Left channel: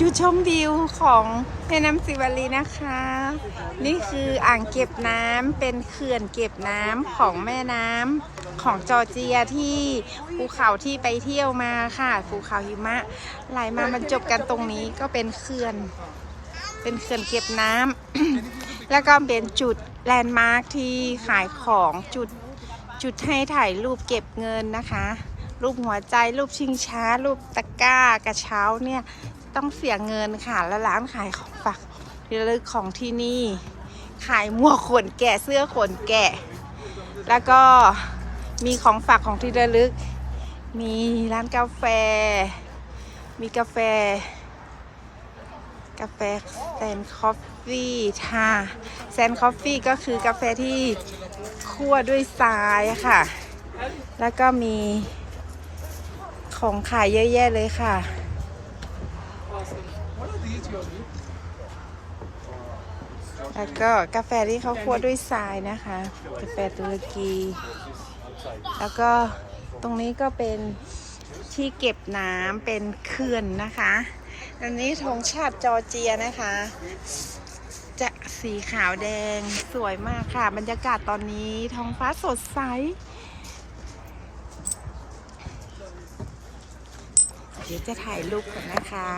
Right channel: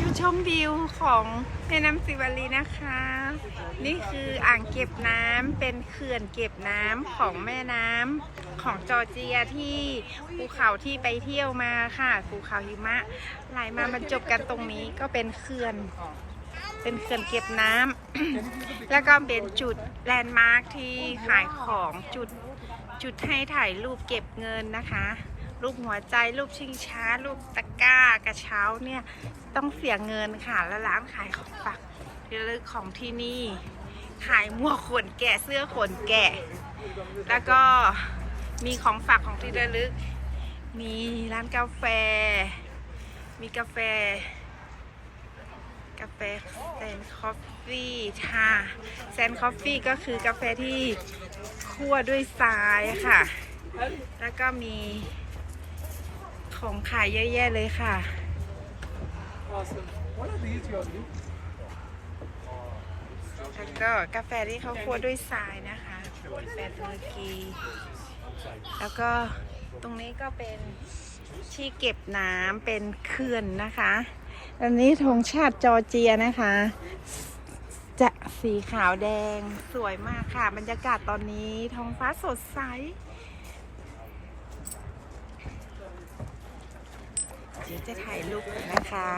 จุดชมวิวของแม่น้ำสิวลีนะคะ นี่คืออ่างเก็บน้ำเป็นเขื่อนเก็บน้ำของแม่น้ำของจอร์เจียที่ภูเขาที่ไปเที่ยวมาค่ะภูเขาหิมะไหลมาบรรจบกันตรงนี้ก็เป็นเขื่อน เป็นเขื่อนเก็บน้ำ แล้วก็เป็นจุดแลนด์มาร์คที่ขายของจุดจุดให้ถ่ายรูปเก็บเงินนะคะ รูปหัวใจรูปชิงช้า รูปตะกร้ากระเช้าเนี่ยต้องเสียเงินค่ะ แล้วร้านขายของฝากที่ระลึกของที่นี่ ขายหมวกขนแกะเสื้อขนแกะ แล้วก็มีของฝากของที่ระลึก มีร้านกาแฟ มีกาแฟ กาแฟแซนคอฟฟี่ค่ะแซนคอฟฟี่ก็คือกาแฟที่คั่วด้วยทรายค่ะ แล้วก็มี ของขายเยอะแยะเลยค่ะ แล้วก็กาแฟที่เขาคั่วด้วยทรายนะคะ กาแฟตุรกี แล้วก็ตรงนี้ก็เป็นที่เก็บน้ำเป็นเขื่อนนะคะอันนี้ธงชาติจอร์เจียนะคะ จะสีขาวแดงสวยมากค่ะ บรรยากาศตอนนี้ท้องฟ้าสดใส เดี๋ยวจะถ่ายรูปก่อนนะคะ